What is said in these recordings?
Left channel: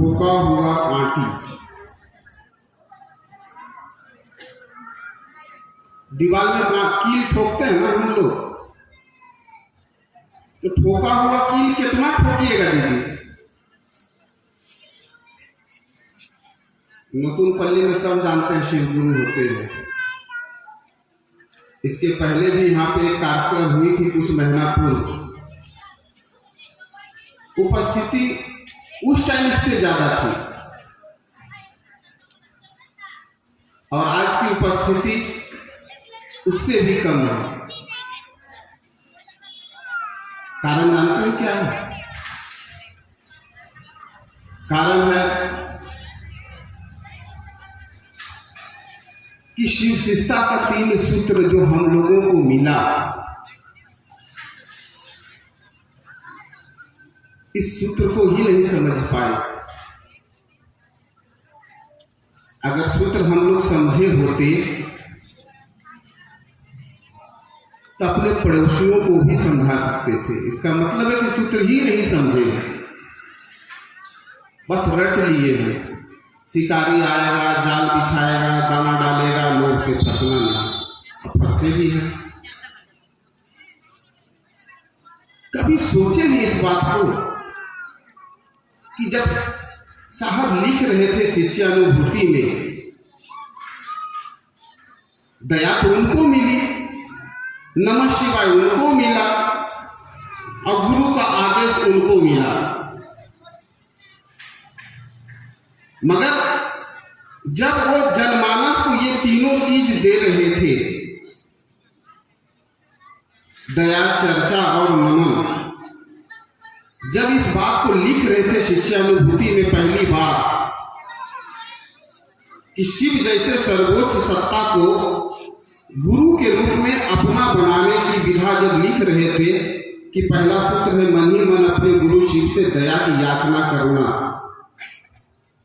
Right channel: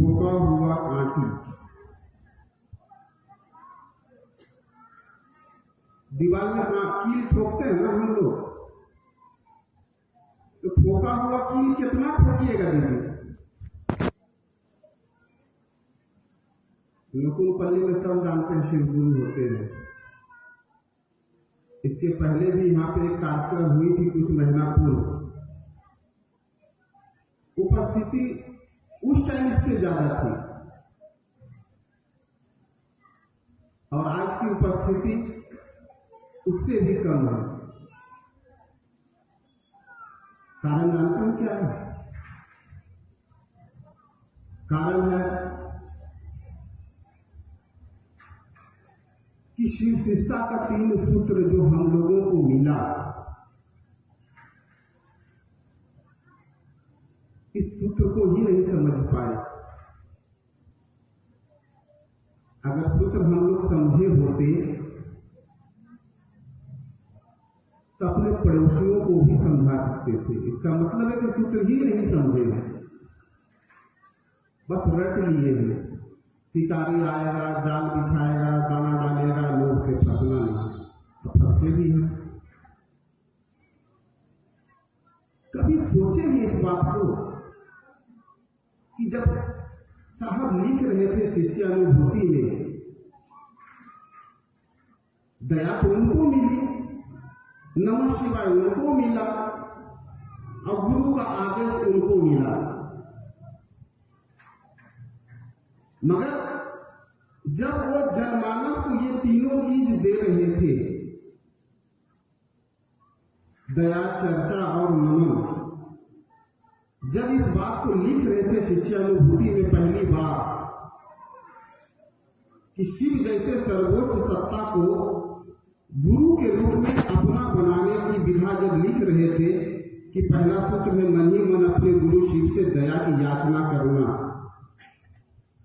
ठोका हुआ आंटी। दीवार में कील ठोकते हैं ना हम लोग, तो ठोका हुआ कील कितना ठोकिएगा दीदी? नतुन पल्ली में सब जानते हैं शिव गुरु होते हैं। इसके पहले भी यहाँ पे एक कार्यक्रम हुई थी कुछ महीना पूर्व। उपस्थिति उस टाइम इससे ज्यादा थी और आज की उपस्थिति उससे भी कम है। कारण जानते हैं क्या है? कारण है कि शिव शिष्टा का 3 सूत्र जो हम लोगों को मिला, इस सूत्र को ही नहीं समझ पाए। अगर सूत्र हम लोग समझे होते तो अपने पड़ोसियों को भी समझा सकते थे। इसका मतलब है कि सूत्र ही नहीं समझे, बस रट लिए हैं। शिकारी आएगा, जाल बिछाएगा, दाना डालेगा, लोग से फंसना नहीं, अब फंसते भी हैं। कभी सोचे हैं इस बात को कि जब साहब लिख रहे थे शिष्यानुभूति में, दया तो उनको मिली, नमः शिवाय उनको मिला और गुरु का आदेश उनको मिला, मगर जब वो जनमानस को ये तीनों चीज दे रहे थे, दया, चर्चा और नमन, जब इस बात को लिख रहे थे शिष्यानुभूति में पहली बार कि शिव जैसे सर्वोच्च सत्ता को गुरु के रूप में अपना बनाने की विधा जब लिख रहे थे कि पहला सूत्र है मन ही मन अपने गुरु शिव से दया की याचना करना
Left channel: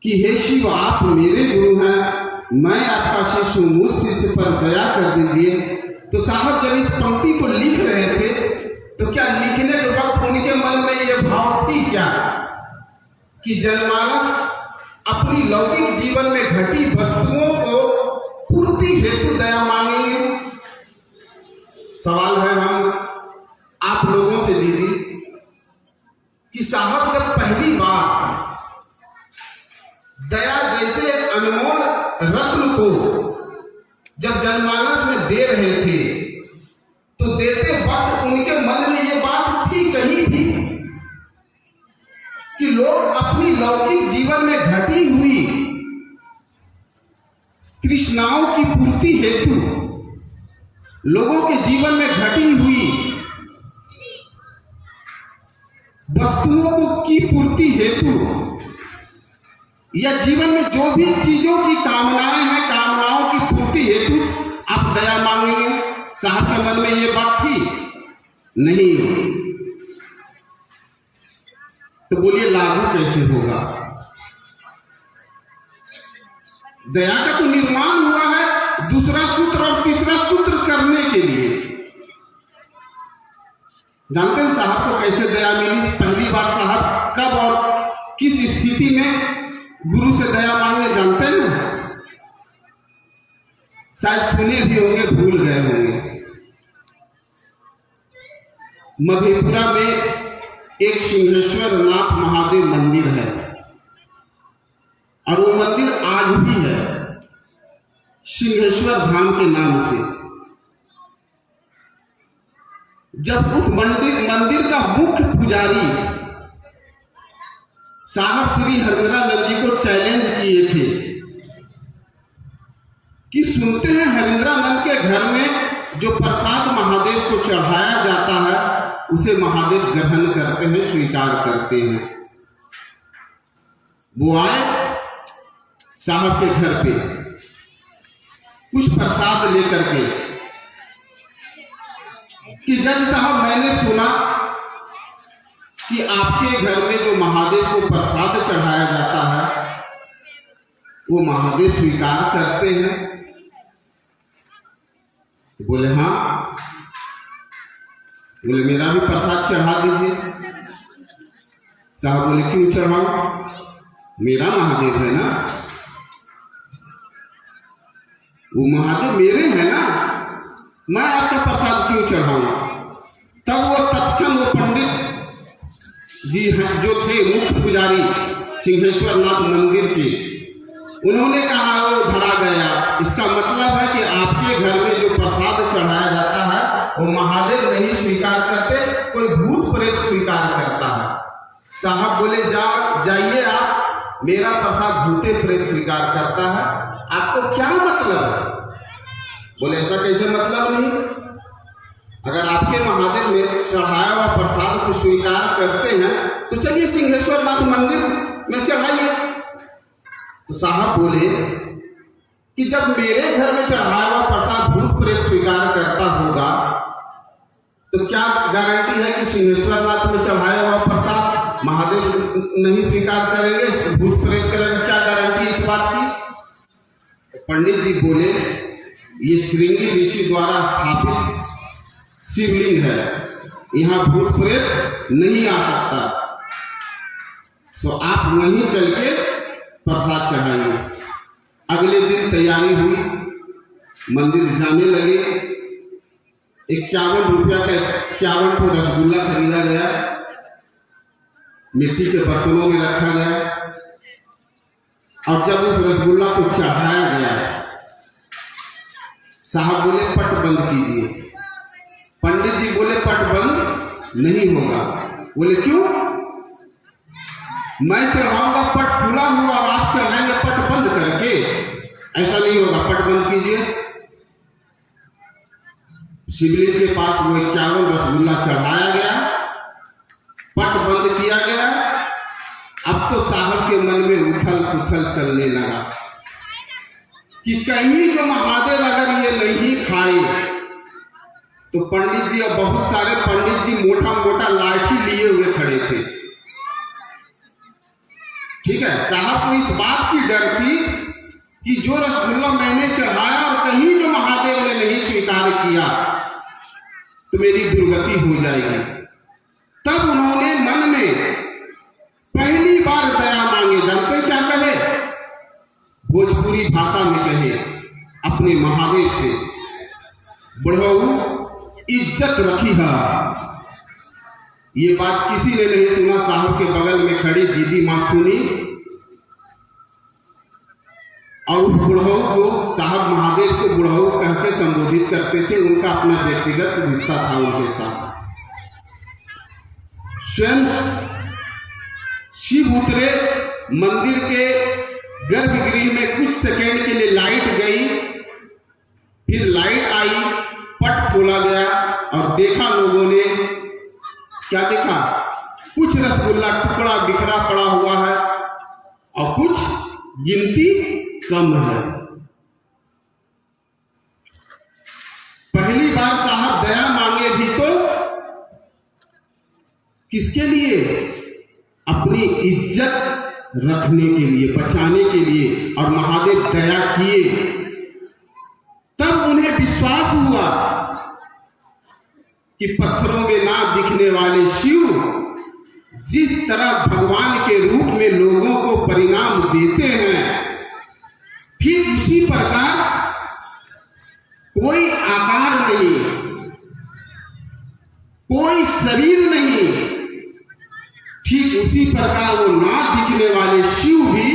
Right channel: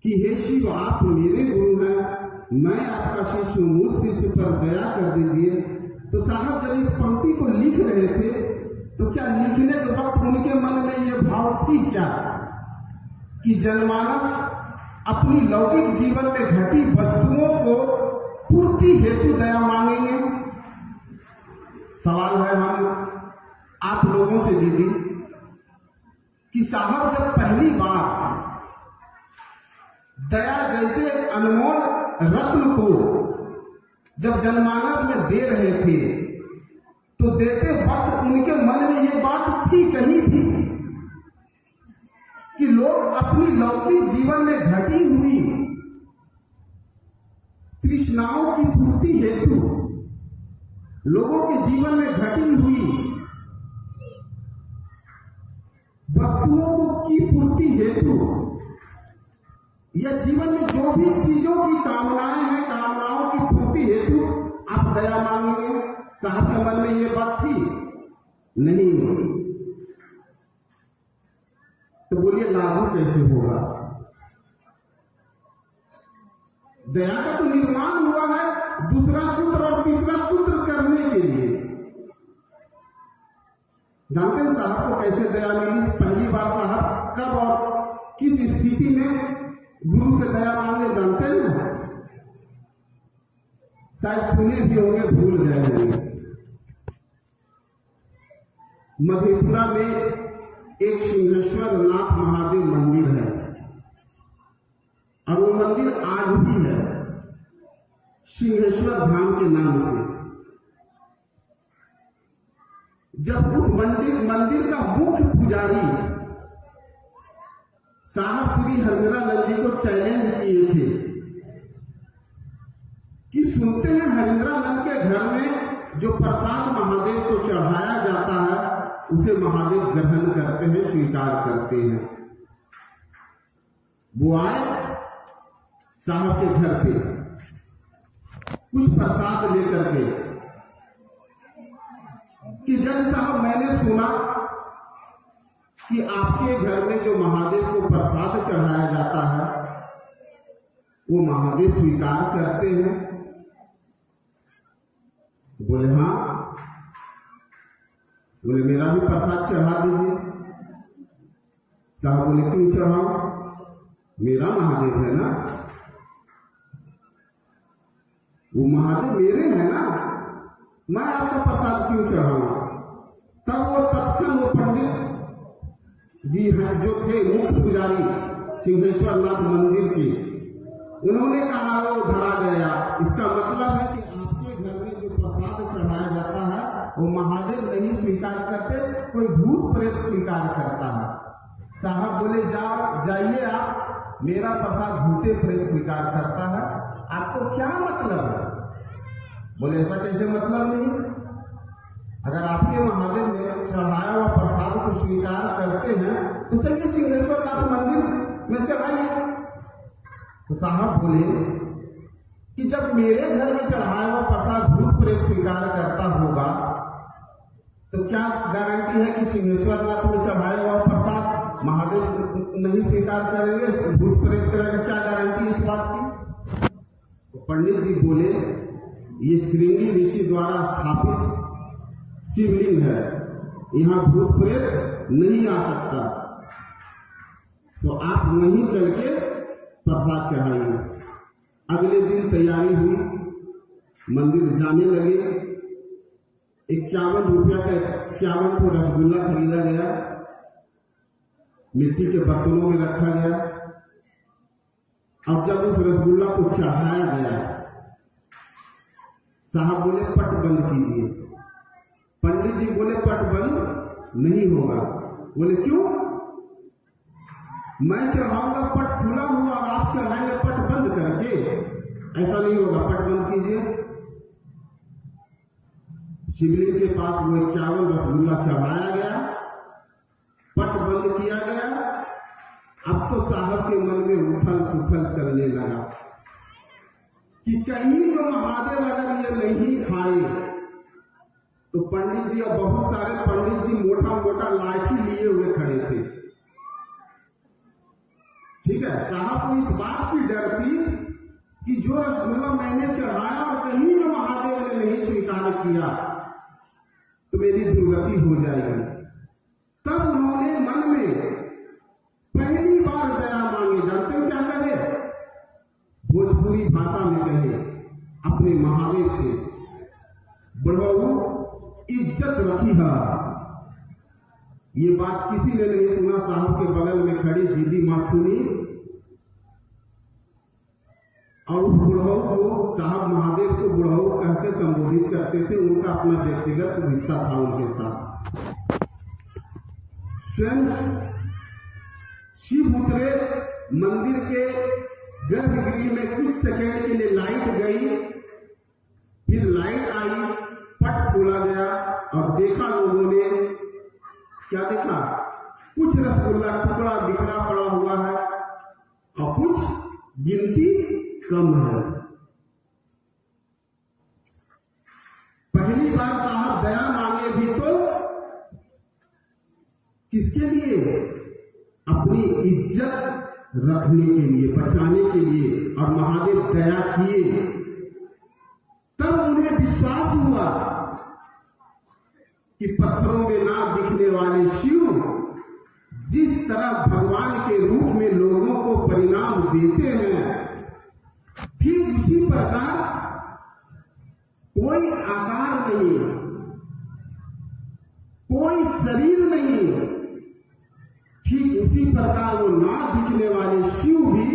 कि हे शिव आप मेरे गुरु हैं, मैं आपका शिष्य हूं, मुझ शिष्य पर दया कर दीजिए। तो साहब जब इस पंक्ति को लिख रहे थे तो क्या लिखने के वक्त उनके मन में यह भाव थी क्या कि जनमानस अपनी लौकिक जीवन में घटी वस्तुओं को पूर्ति हेतु दया मांगेंगे? सवाल है हम आप लोगों से दीदी कि साहब जब पहली बार दया जैसे अनमोल रत्न को जब जनमानस में दे रहे थे तो देते वक्त उनके मन में ये बात थी कहीं भी कि लोग अपनी लौकिक जीवन में घटी हुई तृष्णाओं की पूर्ति हेतु, लोगों के जीवन में घटी हुई वस्तुओं की पूर्ति हेतु या जीवन में जो भी चीजों की कामनाएं हैं, कामनाओं की पूर्ति हेतु आप दया मांगेंगे? साहब के मन में ये बात थी नहीं। तो बोलिए लागू कैसे होगा? दया का तो निर्माण हुआ है दूसरा सूत्र और तीसरा सूत्र करने के लिए। जानते हैं साहब को कैसे दया मिली? पहली बार साहब कब और किस स्थिति में गुरु से दया मांगने जानते हैं ना? शायद सुने भी होंगे, भूल गए होंगे। मधेपुरा में एक सिंहेश्वर नाथ महादेव मंदिर है और वो मंदिर आज भी है सिंहेश्वर धाम के नाम से। जब उस मंदिर का मुख्य पुजारी साहब श्री हरिंद्रानंद जी को चैलेंज किए थे कि सुनते हैं हरिंद्रानंद के घर में जो प्रसाद महादेव को चढ़ाया जाता है उसे महादेव ग्रहण करते हैं, स्वीकार करते हैं। वो आए साहब के घर पे कुछ प्रसाद लेकर के कि जज साहब मैंने सुना कि आपके घर में जो महादेव को प्रसाद चढ़ाया जाता है वो महादेव स्वीकार करते हैं। तो बोले हाँ। बोले मेरा भी प्रसाद चढ़ा दीजिए। साहब बोले क्यों चढ़ाओ? मेरा महादेव है ना, वो महादेव मेरे हैं ना, मैं आपका प्रसाद क्यों चढ़ाऊंगा? तब वो तत्क्षण वो पंडित जी जो थे मुख्य पुजारी सिंहेश्वर नाथ मंदिर के, उन्होंने कहा वो धरा गया। इसका मतलब है कि आपके घर में जो प्रसाद चढ़ाया जाता है वो महादेव नहीं स्वीकार करते, कोई भूत प्रेत स्वीकार करता है। साहब बोले जाइए आप, मेरा प्रसाद भूते प्रेत स्वीकार करता है, आपको क्या मतलब है? बोले ऐसा कैसे मतलब नहीं, अगर आपके महादेव में चढ़ाया हुआ प्रसाद को स्वीकार करते हैं तो चलिए सिंहेश्वर नाथ मंदिर में चढ़ाइए। तो साहब बोले कि जब मेरे घर में चढ़ाया हुआ प्रसाद भूत प्रेत स्वीकार करता होगा तो क्या गारंटी है कि सिंहेश्वर नाथ में चढ़ाया हुआ प्रसाद महादेव नहीं स्वीकार करेंगे, भूत प्रेत करेंगे? क्या गारंटी इस बात की? तो पंडित जी बोले ये श्रृंगी ऋषि द्वारा स्थापित शिवलिंग है, यहाँ भूत प्रेत नहीं आ सकता, तो आप वहीं चल के प्रसाद चढ़ाइए। अगले दिन तैयारी हुई, मंदिर जाने लगे। 51 रुपया का 51 को रसगुल्ला खरीदा गया, मिट्टी के बर्तनों में रखा गया, और जब उस रसगुल्ला को चढ़ाया गया, साहब बोले पट बंद कीजिए। पंडित जी बोले पट बंद नहीं होगा। बोले क्यों? मैं चढ़ाऊंगा पट खुला हुआ, आप चढ़ाएंगे पट बंद करके, ऐसा नहीं होगा, पट बंद कीजिए। शिवलिंग के पास वो 51 रसगुल्ला चढ़ाया गया, पट बंद किया गया। अब तो साहब के मन में उथल पुथल चलने लगा कि कहीं जो महादेव अगर ये नहीं खाए तो पंडित जी और बहुत सारे पंडित जी मोटा मोटा लाठी लिए हुए खड़े थे। ठीक है, साहब को इस बात की डर थी कि जो रसगुल्ला मैंने चढ़ाया और कहीं जो महादेव ने नहीं स्वीकार किया तो मेरी दुर्गति हो जाएगी। तब उन्होंने मन में पहली बार दया मांगे। जानते क्या कहे? भोजपुरी भाषा में कहे अपने महादेव से, बढ़ऊ इज्जत रखी है। ये बात किसी ने नहीं सुना, साहब के बगल में खड़ी दीदी माँ सुनी, और उस बुढ़ऊ को साहब महादेव को बुढ़ऊ कह के संबोधित करते थे। उनका अपना व्यक्तिगत रिश्ता था उनके साथ। स्वयं शिव उतरे मंदिर के गर्भगृह में, कुछ सेकेंड के लिए लाइट गई, फिर लाइट आई, पट खोला गया और देखा लोगों ने, क्या देखा? कुछ रसगुल्ला टुकड़ा बिखरा पड़ा हुआ है और कुछ गिनती कम है। पहली बार साहब दया मांगे भी तो किसके लिए? अपनी इज्जत रखने के लिए, बचाने के लिए, और महादेव दया किए। तब उन्हें विश्वास हुआ कि पत्थरों में ना दिखने वाले शिव जिस तरह भगवान के रूप में लोगों को परिणाम देते हैं, ठीक उसी प्रकार कोई आकार नहीं, कोई शरीर नहीं, ठीक उसी प्रकार वो ना दिखने वाले शिव भी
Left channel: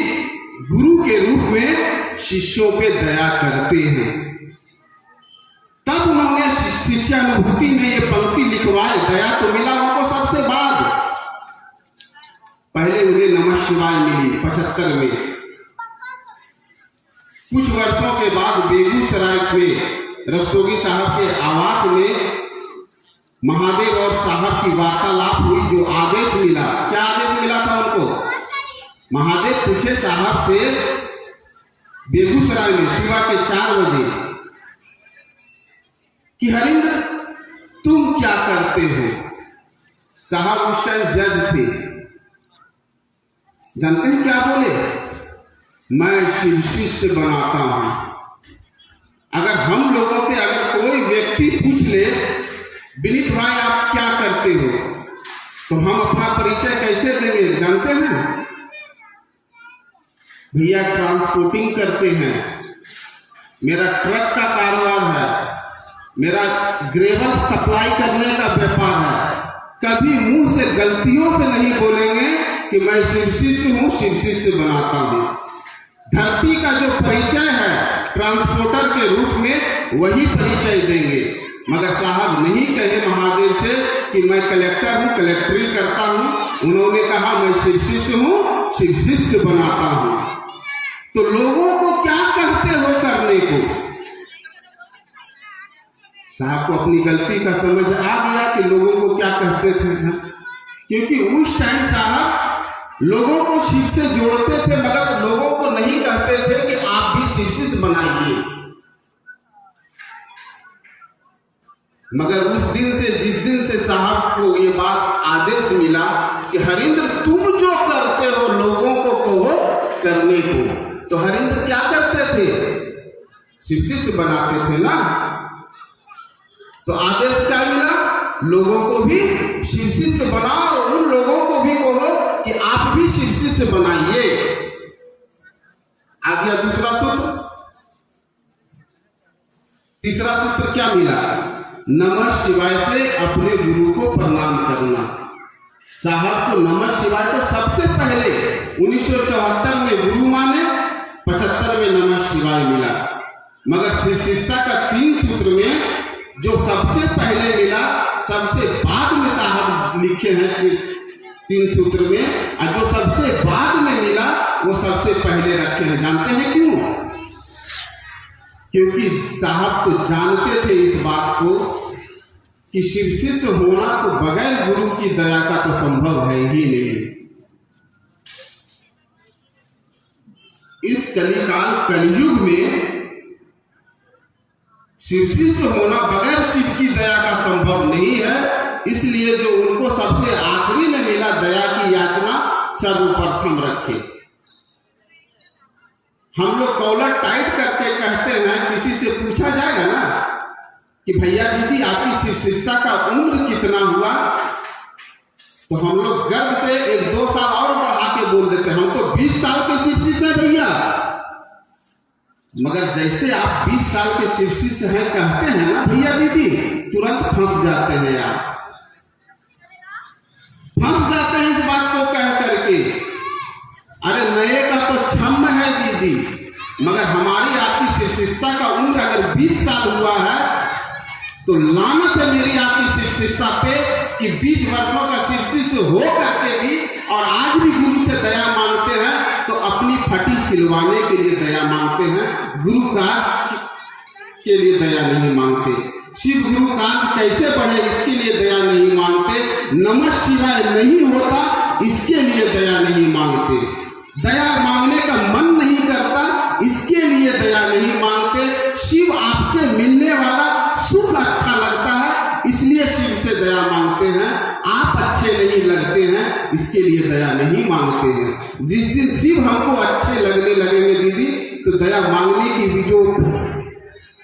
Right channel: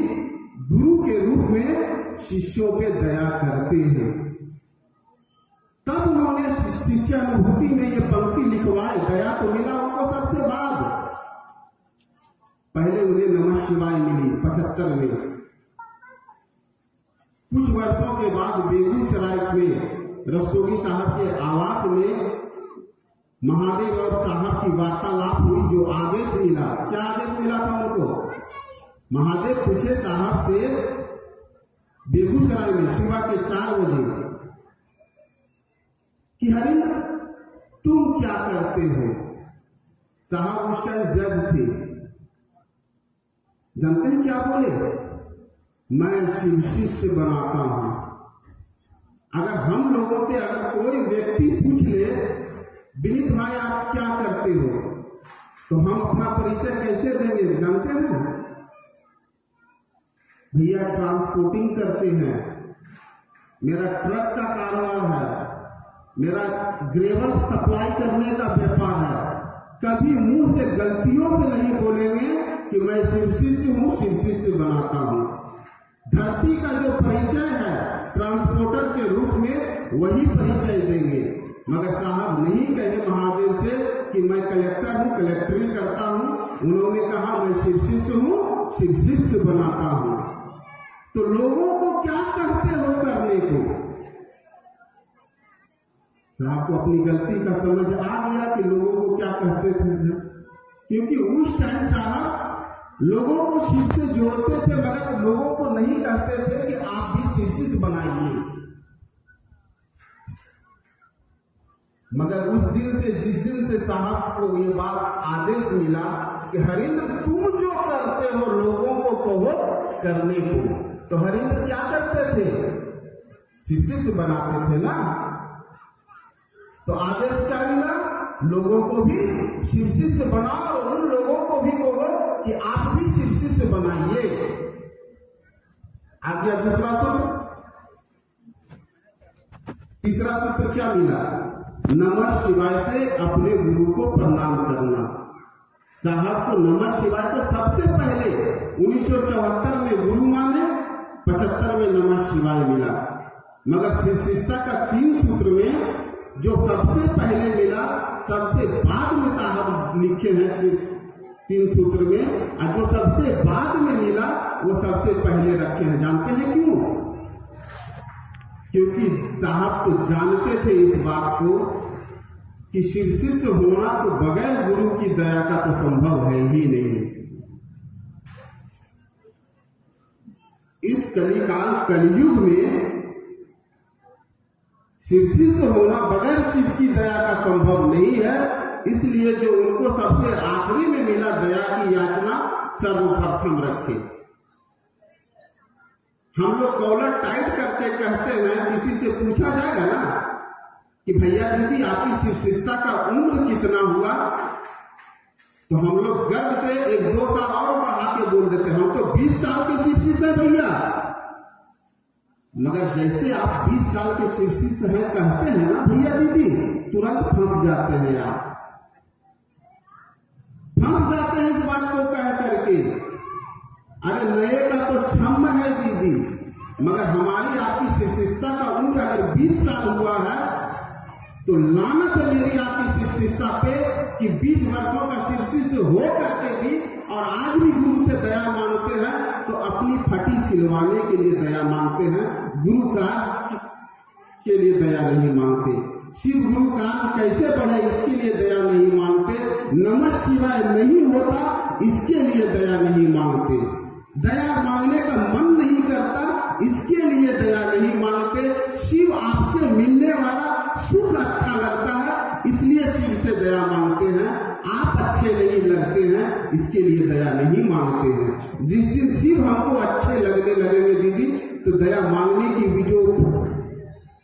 गुरु के रूप में शिष्यों पे दया करते हैं। तब उन्होंने शिष्यानुभूति में ये पंक्ति लिखवाए। दया तो मिला उनको सबसे बाद, पहले उन्हें नमः शिवाय मिली 75 में। कुछ वर्षों के बाद बेगूसराय में रस्तोगी साहब के आवास में महादेव और साहब की वार्तालाप हुई। जो आदेश मिला, क्या आदेश मिला था उनको? महादेव पूछे साहब से बेगूसराय में सुबह के 4 बजे कि हरिंद्र तुम क्या करते हो? साहब उस टाइम जज थे। जानते हैं क्या बोले? मैं शिव शिष्य बनाता हूं। अगर हम लोगों से अगर कोई व्यक्ति पूछ ले, विनीत भाई आप क्या करते हो, तो हम अपना परिचय कैसे देंगे? जानते हैं? भैया ट्रांसपोर्टिंग करते हैं, मेरा ट्रक का कारोबार है, मेरा ग्रेवल सप्लाई करने का व्यापार है, कभी मुंह से गलतियों से नहीं बोलेंगे कि मैं शिव शिष्य हूं, शिव शिष्य बनाता हूं। धरती का जो परिचय है ट्रांसपोर्टर के रूप में वही परिचय देंगे, मगर साहब नहीं कहे महादेव से कि मैं कलेक्टर हूं, कलेक्टरी करता हूं। उन्होंने कहा मैं शिव शिष्य हूं, शिव शिष्य बनाता हूं। तो लोगों को क्या कहते हो करने को? साहब को अपनी गलती का समझ आ गया कि लोगों को क्या कहते थे, क्योंकि उस टाइम साहब लोगों को शिव से जोड़ते थे, मगर लोगों को नहीं कहते थे कि आप भी शिव शिष्य बनाइए। मगर उस दिन से, जिस दिन से साहब को ये बात आदेश मिला कि हरिंद्र तुम जो करते हो लोगों को कहो करने को, तो हरिंद्र क्या करते थे? शिव शिष्य बनाते थे ना। तो आदेश क्या मिला? लोगों को भी शिव शिष्य बनाओ और उन लोगों को भी कहो कि आप भी शिव शिष्य बनाइए। आ गया दूसरा सूत्र। तीसरा सूत्र क्या मिला? नमः शिवाय से अपने गुरु को प्रणाम करना। साहब को नमः शिवाय तो सबसे पहले 1974 में गुरु माने, 75 में नमः शिवाय मिला। मगर शिव शिष्यता का 3 सूत्र में जो सबसे पहले मिला, सबसे बाद में साहब लिखे हैं 3 सूत्र में, और जो सबसे बाद में मिला वो सबसे पहले रखे हैं। जानते हैं क्यों? क्योंकि साहब तो जानते थे इस बात को कि शिव शिष्य होना तो बगैर गुरु की दया का तो संभव है ही नहीं। इस कलिकाल कलयुग में शिव शिष्य होना बगैर शिव की दया का संभव नहीं है। इसलिए जो उनको सबसे आखिरी में मिला दया की याचना सर्वप्रथम रखे। हम लोग कॉलर टाइट करके कहते हैं, किसी से पूछा जाएगा ना कि भैया दीदी आपकी शिव शिष्यता का उम्र कितना हुआ, तो हम लोग गर्व से 1-2 साल और बढ़ा के बोल देते हैं, हम तो 20 साल के शिव शिष्य हैं भैया। मगर जैसे आप 20 साल के शिव शिष्य हैं कहते हैं ना भैया दीदी, तुरंत फंस जाते हैं। आप फंस जाते हैं इस बात को कह करके, अरे नए का तो छम है दीदी, मगर हमारी आपकी शिव शिष्यता का उम्र अगर 20 साल हुआ है तो लानत है मेरी आपकी शिव शिष्यता पे कि 20 वर्षों का शिव शिष्य हो करके भी और आज भी गुरु से दया मांगते हैं, तो अपनी फटी सिलवाने के लिए दया मांगते हैं, गुरु कार्य के लिए दया नहीं मांगते। शिव गुरु कार्य कैसे बढ़े इसके लिए दया नहीं मांगते, नमः शिवाय नहीं होता इसके लिए दया नहीं मांगते, दया मांगने का मन नहीं करता इसके लिए दया नहीं मांगते। शिव आपसे मिलने वाला सुख अच्छा लगता है इसलिए शिव से दया मांगते हैं, आप अच्छे नहीं लगते हैं इसके लिए दया नहीं मांगते हैं। जिस दिन शिव हमको अच्छे लगने लगेंगे दीदी, तो दया मांगने की भी जो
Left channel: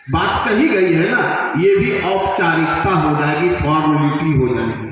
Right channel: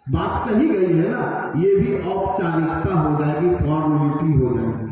बात कही गई है ना, ये भी औपचारिकता हो जाएगी, फॉर्मेलिटी हो जाएगी।